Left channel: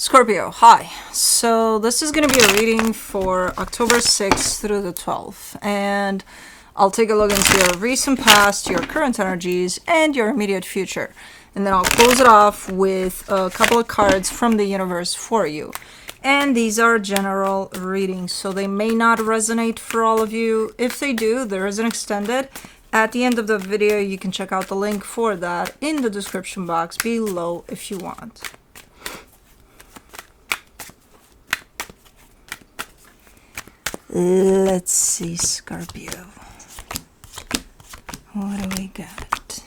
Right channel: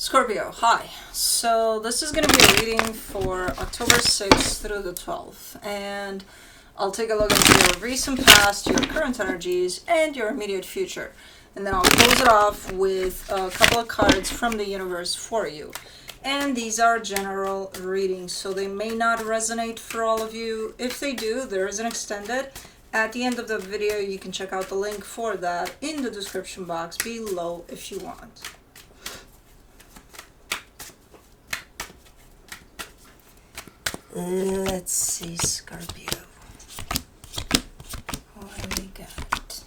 Scorpio, hi. So this is going to be a reading for October 6th through the 12th. And I'll take a look into your recent past, your current energies, and your immediate future. And then I'll close it off with a couple of cards from the universe for you. And these are general readings, so they may not resonate for all of you. If they do, there is an extended. At the end of the video, you can check out the link for that in the description box below if you want. Let's see, Scorpio. What do we got?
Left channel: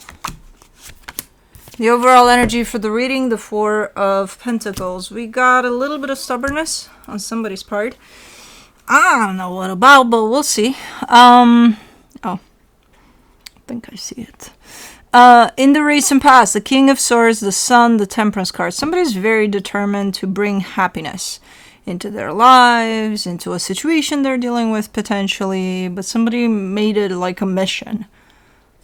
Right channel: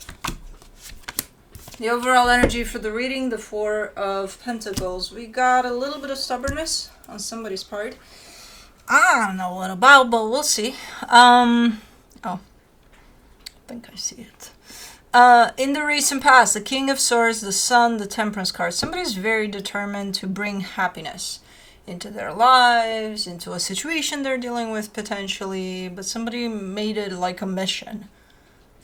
The overall energy for the reading, the Four of Pentacles. We got a little bit of stubbornness on somebody's part. I don't know what about, but we'll see. Oh, I think I see it. In the recent past, the King of Swords, the Sun, the Temperance card. Somebody's very determined to bring happiness into their lives, into a situation they're dealing with potentially, but somebody made it like a mission.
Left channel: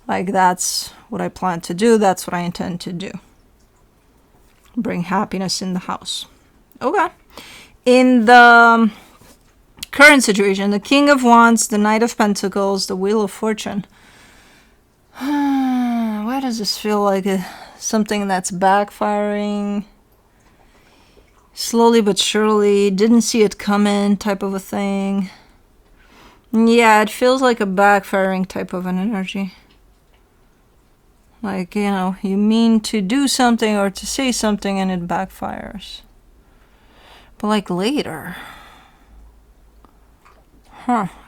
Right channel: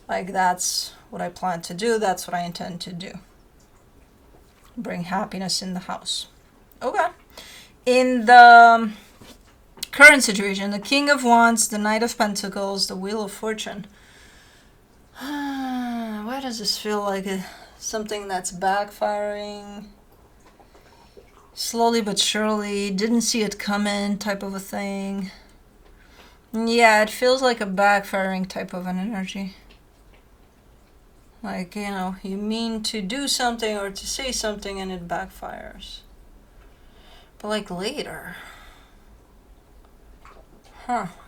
Like, that's what I plan to do, that's what I intend to do. Bring happiness in the house. Okay. In the current situation, the King of Wands, the Knight of Pentacles, the Wheel of Fortune. Why does this feel like something that's backfiring? Slowly but surely, didn't see it coming type of a thing. Yeah, it feels like a backfiring type of an energy. Like, you know, you mean to do something or to say something and it backfires. But like later.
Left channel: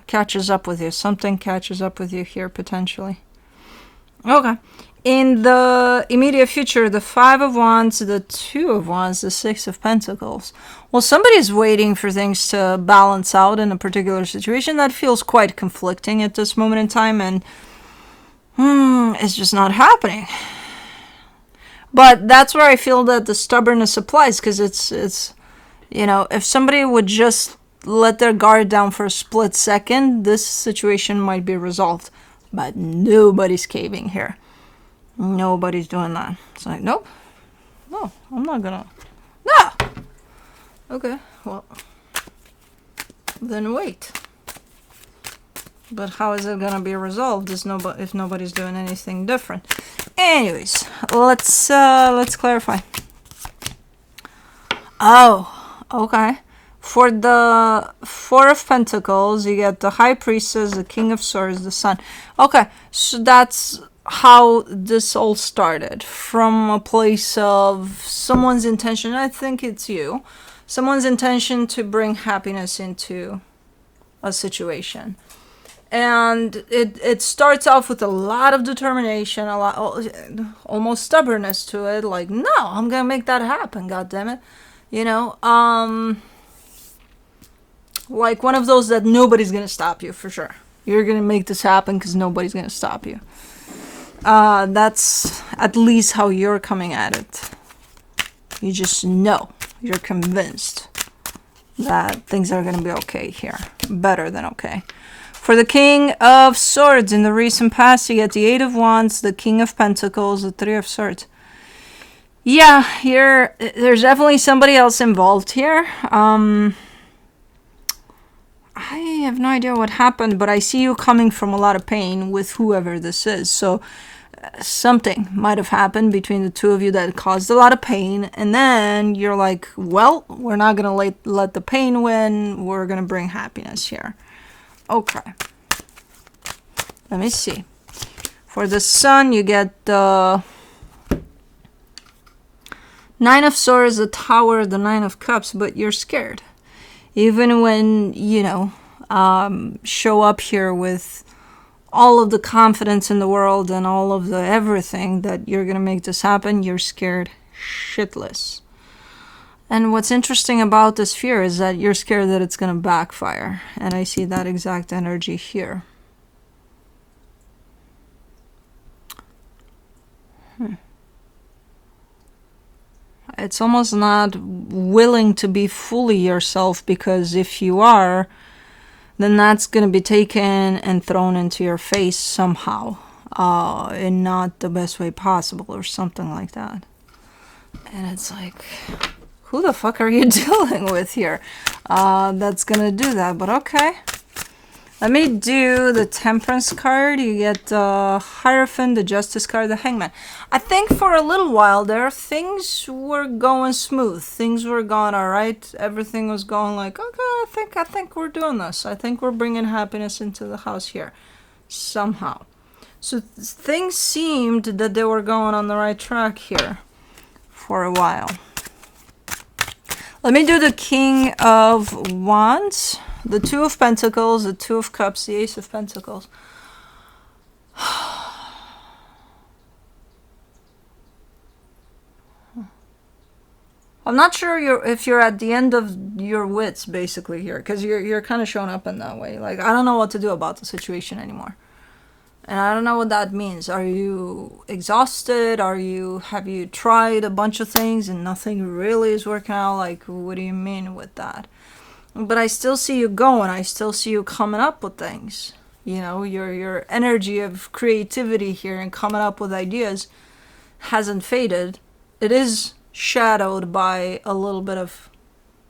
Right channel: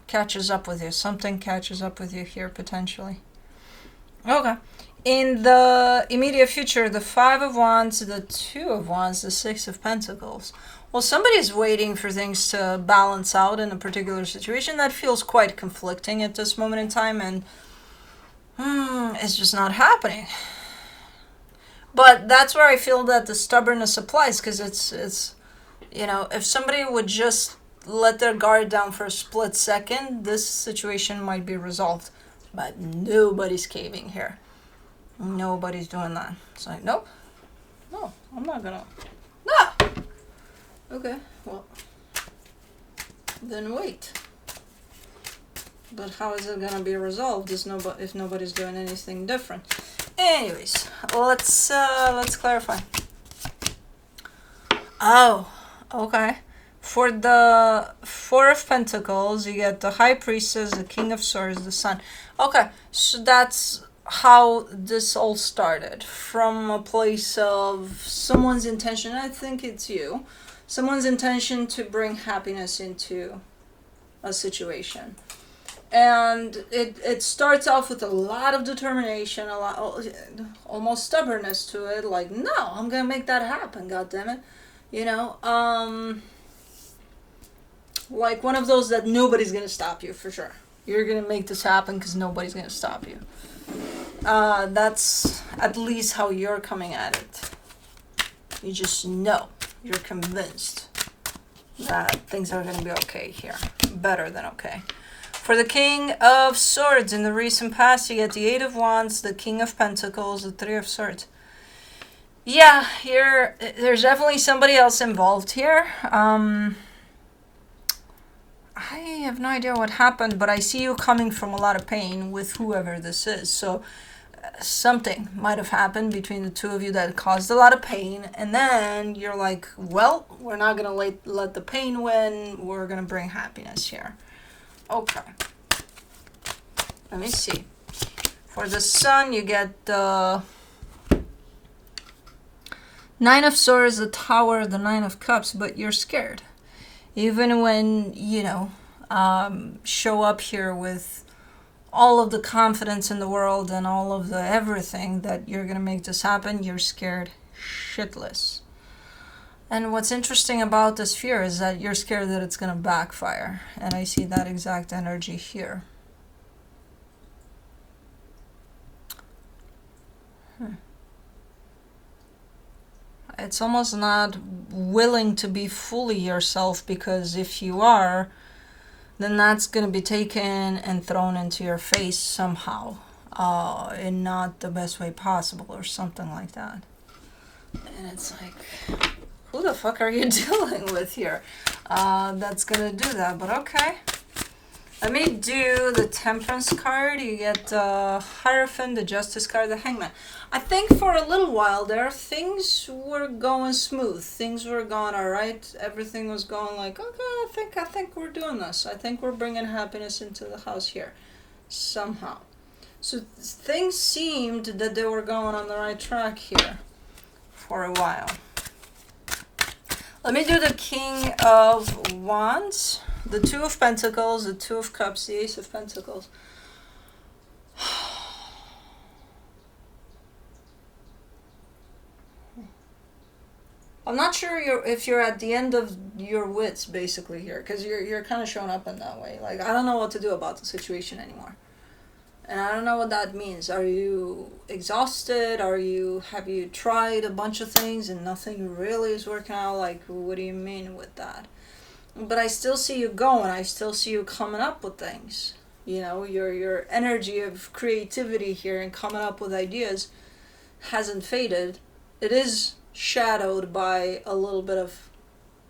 Catches up with you. Something catches up with you here potentially. Okay. In the immediate future, the Five of Wands, the Two of Wands, the Six of Pentacles. Well, somebody's waiting for things to balance out in a particular situation that feels quite conflicting at this moment in time, and it's just not happening. But that's where I feel that the stubbornness applies, because it's you know, if somebody would just let their guard down for a split second, this situation might be resolved. But nobody's caving here. Nobody's doing that. It's like, nope. No, I'm not gonna. No! Okay, well. Then wait. But how is it gonna be resolved if nobody's doing anything different? Anyways, let's clarify. Oh, okay. For the Four of Pentacles, you get the High Priestess, the King of Swords, the Sun. Okay, so that's how this all started. From a place of someone's intention, I think it's you, someone's intention to bring happiness into a situation. And it starts off with a lot of determination, a lot, almost stubbornness to it. Like, no, I'm gonna make that happen, God damn it. You know, like one of those that nobody's gonna stop you, for sure. You're gonna make this happen because nobody's gonna stop you. That's at least how you're coming at it. You just know, you're convinced that things are gonna be okay here. Better than okay. For the King of Swords, in the recent past, you get the Eight of Wands, the King of Pentacles, the Three of Swords. Yeah, there's definitely somebody else involved here. I have no idea what happened, but I see you coming from a lot of pain with whoever this is. So something might have happened between the two of you that caused a lot of pain. And then you're like, well, we're not going to let the pain win. We're going to bring happiness here. Okay. Let me see. For the Sun, you get the Nine of Swords, the Tower, the Nine of Cups, but you're scared. Even when, you know, show up here with all of the confidence in the world and all of the everything that you're going to make this happen, you're scared shitless. And what's interesting about this fear is that you're scared that it's going to backfire. And I see that exact energy here. It's almost not willing to be fully yourself, because if you are, then that's going to be taken and thrown into your face somehow, in not the best way possible or something like that. And it's like, Who the fuck are you dealing with here? That's gonna do that, but okay. Let me do the Temperance card. You get the Hierophant, the Justice card, the Hangman. I think for a little while there, things were going smooth. Things were going all right. Everything was going like, okay, I think we're doing this. I think we're bringing happiness into the house here, somehow. So things seemed that they were going on the right track here for a while. Let me do the King of Wands. The Two of Pentacles, the Two of Cups, the Ace of Pentacles. I'm not sure if you're at the end of your wits, basically, here. Because you're kind of showing up in that way. Like, I don't know what to do about the situation anymore. And I don't know what that means. Are you exhausted? Have you tried a bunch of things and nothing really is working out? Like, what do you mean with that? But I still see you going. I still see you coming up with things. You know, your energy of creativity here and coming up with ideas hasn't faded. It is shadowed by a little bit of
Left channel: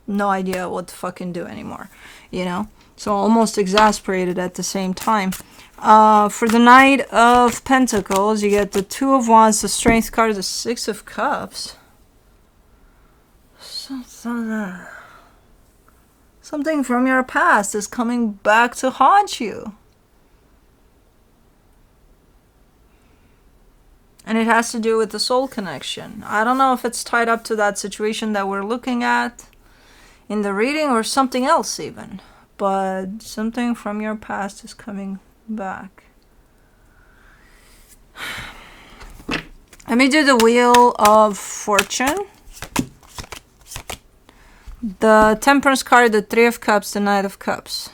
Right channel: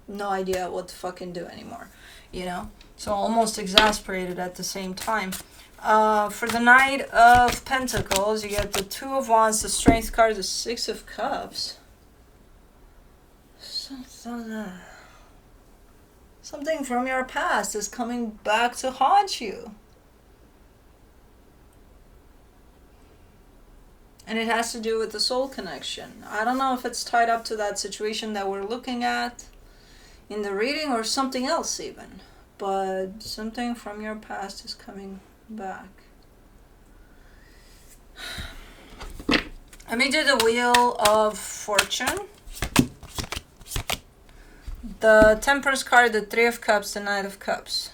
no idea what to fucking do anymore. You know? So almost exasperated at the same time. For the Knight of Pentacles, you get the Two of Wands, the Strength card, the Six of Cups. Something from your past is coming back to haunt you. And it has to do with the soul connection. I don't know if it's tied up to that situation that we're looking at in the reading or something else even. But something from your past is coming back. Let me do the Wheel of Fortune. The Temperance card, the Three of Cups, the Knight of Cups.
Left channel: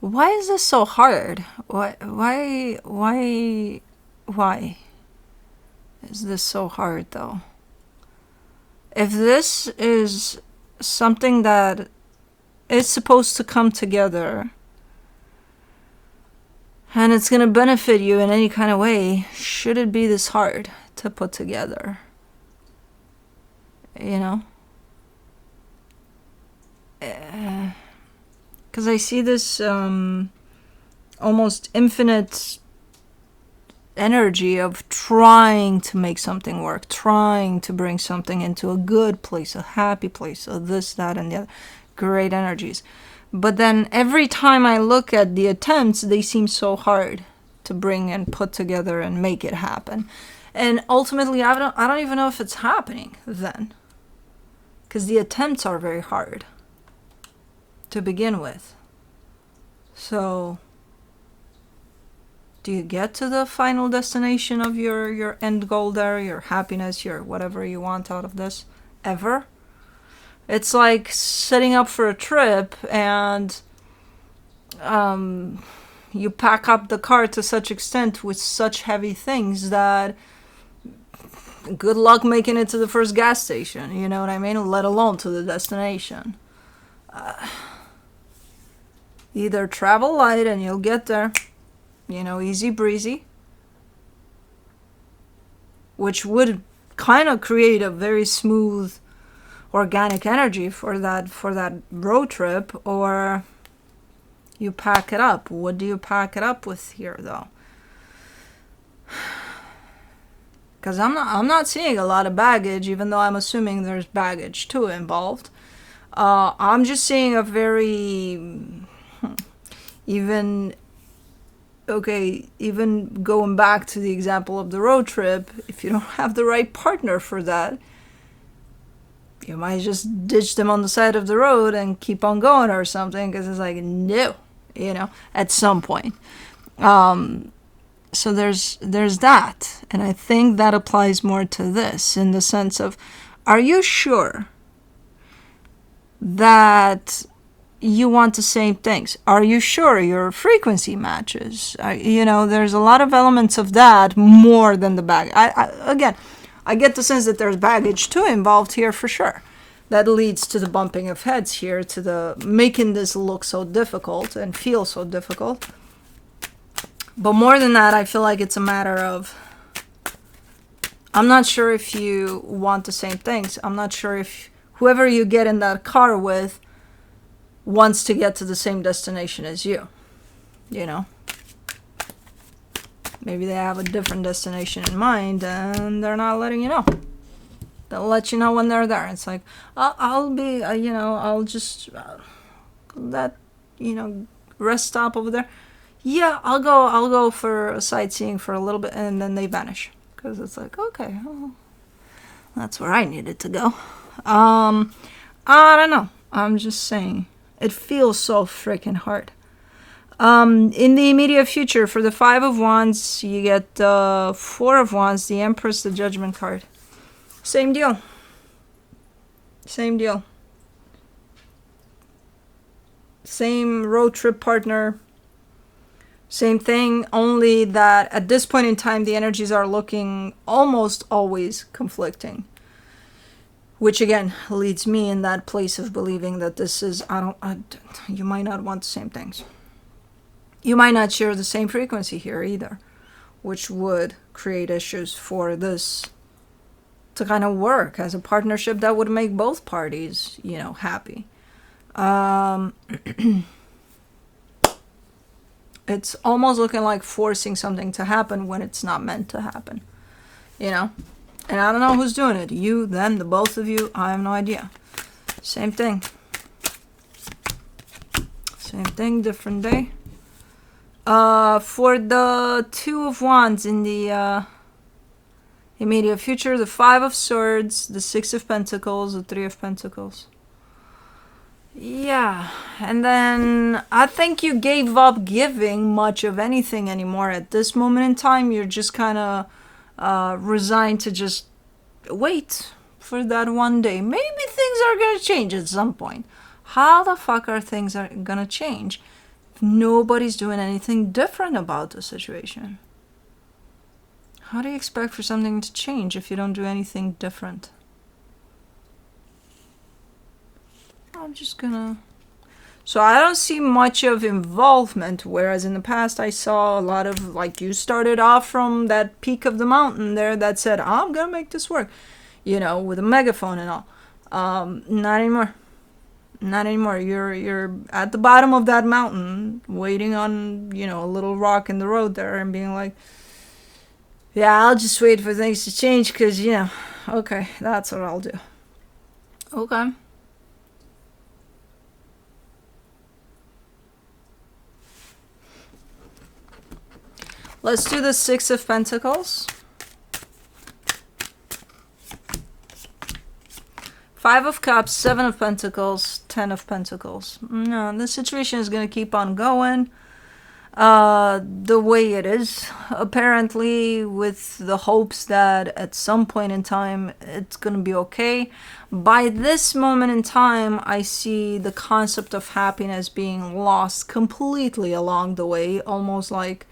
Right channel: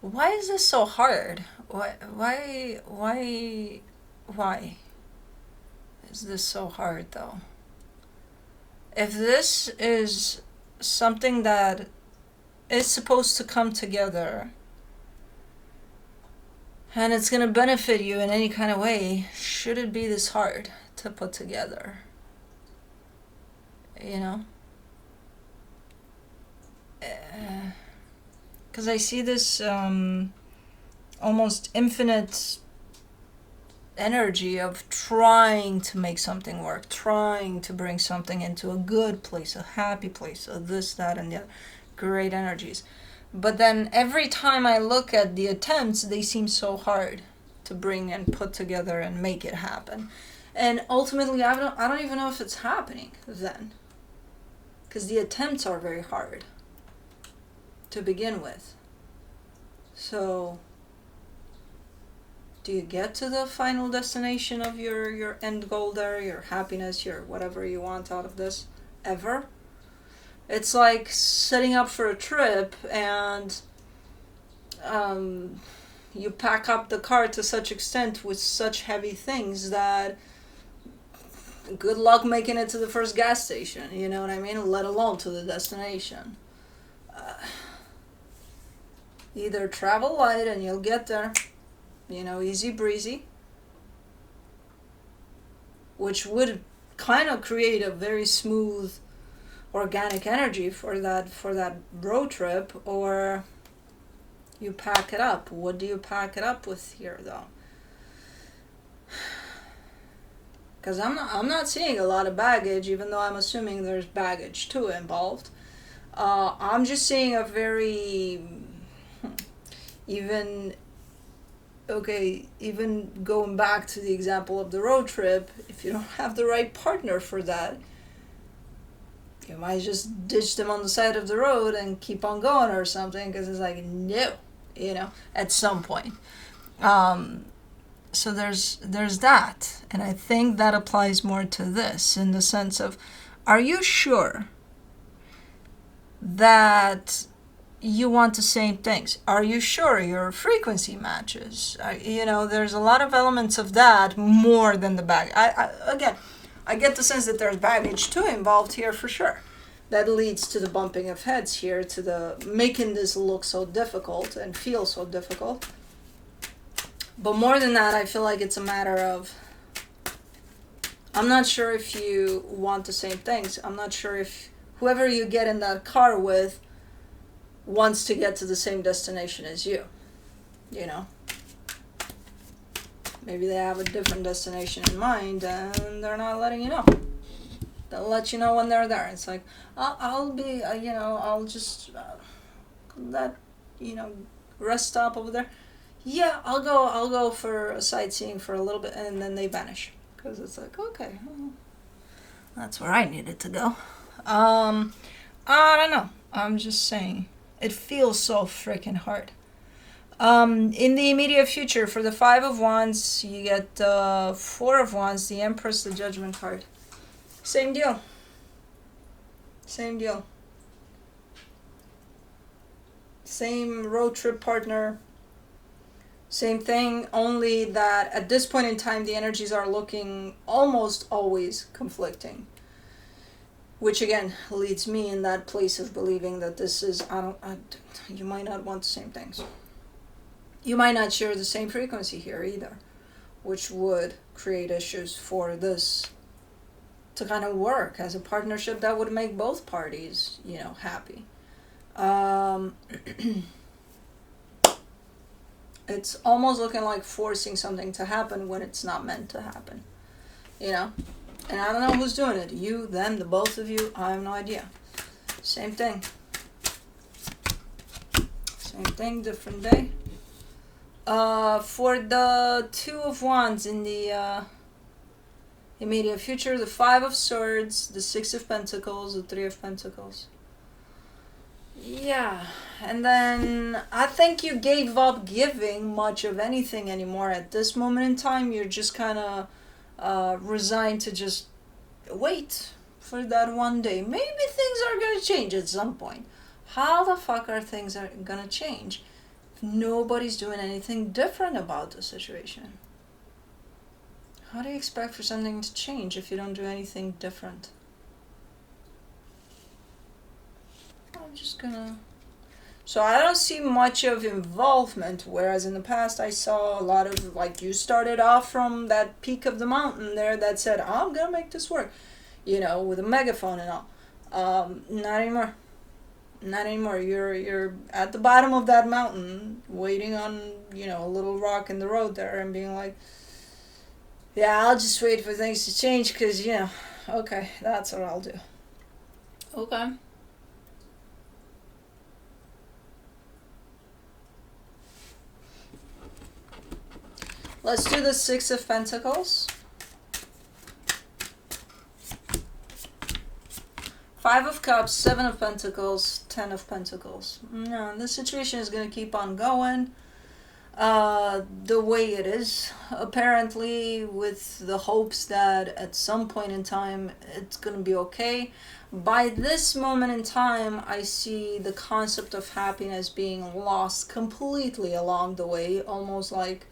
Why is this so hard? Why is this so hard though? If this is something that is supposed to come together and it's going to benefit you in any kind of way, should it be this hard to put together? You know? Because I see this almost infinite energy of trying to make something work, trying to bring something into a good place, a happy place, so this, that, and the other. Great energies. But then every time I look at the attempts, they seem so hard to bring and put together and make it happen. And ultimately, I don't even know if it's happening then. Because the attempts are very hard to begin with. So, do you get to the final destination of your end goal there, your happiness, your whatever you want out of this, ever? It's like setting up for a trip and you pack up the car to such extent with such heavy things that good luck making it to the first gas station, you know what I mean? Let alone to the destination. Either travel light and you'll get there, you know, easy breezy, which would kind of create a very smooth organic energy for that road trip, or you pack it up. What do you pack it up with here though? Because I'm not seeing a lot of baggage, even though I'm assuming there's baggage too involved. I'm just seeing a very even going back to the example of the road trip, if you don't have the right partner for that, you might just ditch them on the side of the road and keep on going or something, because it's like, no, you know, at some point. So there's that. And I think that applies more to this in the sense of, are you sure that you want the same things? Are you sure your frequency matches? You know, there's a lot of elements of that more than the bag. I get the sense that there's baggage too involved here for sure. That leads to the bumping of heads here, to the making this look so difficult and feel so difficult. But more than that, I feel like it's a matter of, I'm not sure if you want the same things. I'm not sure if whoever you get in that car with wants to get to the same destination as you. You know? Maybe they have a different destination in mind and they're not letting you know. They'll let you know when they're there. It's like, I'll be, I'll just, that, rest stop over there. Yeah, I'll go for sightseeing for a little bit, and then they vanish. Because it's like, okay, well, that's where I needed to go. I don't know. I'm just saying. It feels so freaking hard. In the immediate future, for the 5 of Wands, you get the 4 of Wands, the Empress, the Judgment card. Same deal. Same deal. Same road trip partner. Same thing, only that at this point in time, the energies are looking almost always conflicting. Which again leads me in that place of believing that this is, you might not want the same things. You might not share the same frequency here either, which would create issues for this to kind of work as a partnership that would make both parties, happy. It's almost looking like forcing something to happen when it's not meant to happen, And I don't know who's doing it. You, them, the both of you, I have no idea. Same thing. Same thing, different day. For the 2 of Wands in the immediate future, the 5 of Swords, the 6 of Pentacles, the 3 of Pentacles. Yeah, and then I think you gave up giving much of anything anymore at this moment in time. You're just kind of resigned to just wait for that one day. Maybe things are going to change at some point. How the fuck are things going to change? Nobody's doing anything different about the situation. How do you expect for something to change if you don't do anything different? I'm just gonna... So I don't see much of involvement, whereas in the past I saw a lot of, like, you started off from that peak of the mountain there that said, I'm gonna make this work, with a megaphone and all. Not anymore. Not anymore. You're at the bottom of that mountain, waiting on, a little rock in the road there and being like, yeah, I'll just wait for things to change because, okay, that's what I'll do. Okay. Let's do the 6 of Pentacles. 5 of Cups, 7 of Pentacles, 10 of Pentacles. No, this situation is going to keep on going the way it is. Apparently, with the hopes that at some point in time, it's going to be okay. By this moment in time, I see the concept of happiness being lost completely along the way. Almost like,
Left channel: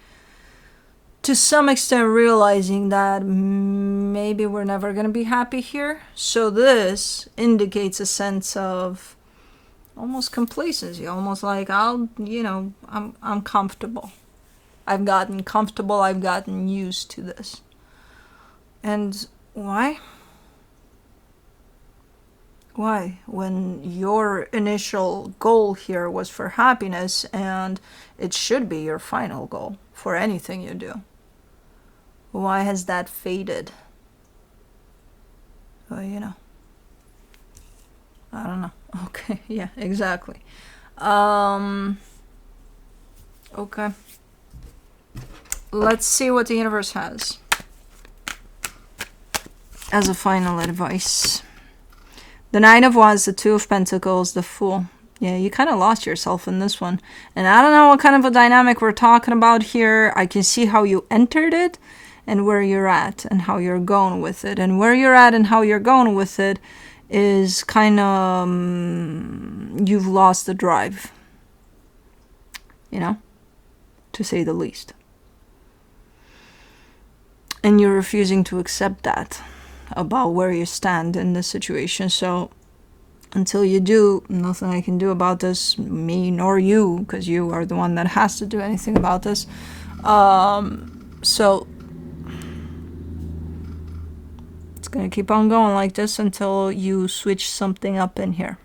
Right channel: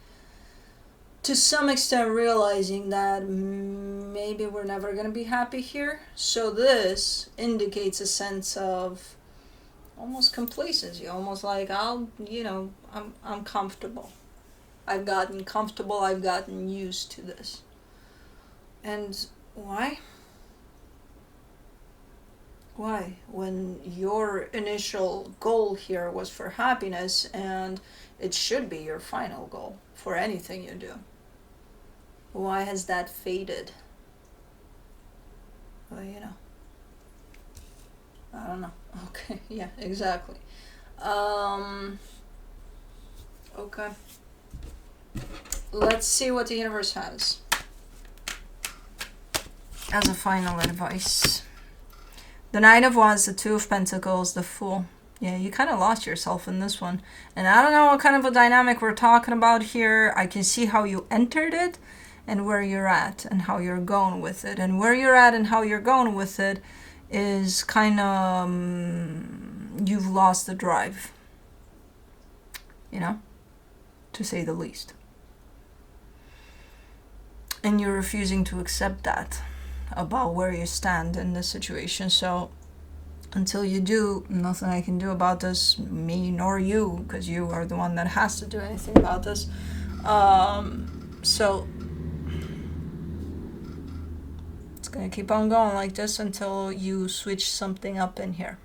to some extent, realizing that maybe we're never going to be happy here. So this indicates a sense of almost complacency, almost like I'm comfortable. I've gotten comfortable, I've gotten used to this. And why? Why? When your initial goal here was for happiness, and it should be your final goal for anything you do. Why has that faded? Well, I don't know. Okay, yeah, exactly. Okay. Let's see what the universe has as a final advice. The 9 of Wands, the 2 of Pentacles, the Fool. Yeah, you kind of lost yourself in this one. And I don't know what kind of a dynamic we're talking about here. I can see how you entered it and where you're at and how you're going with it. And where you're at and how you're going with it is kind of, you've lost the drive, to say the least. And you're refusing to accept that about where you stand in this situation. So until you do, nothing I can do about this, me nor you, because you are the one that has to do anything about this. So going to keep on going like this until you switch something up in here.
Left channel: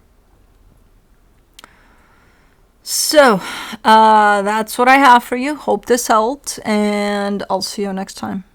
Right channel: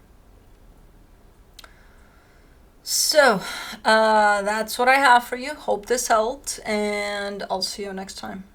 So, that's what I have for you. Hope this helped, and I'll see you next time.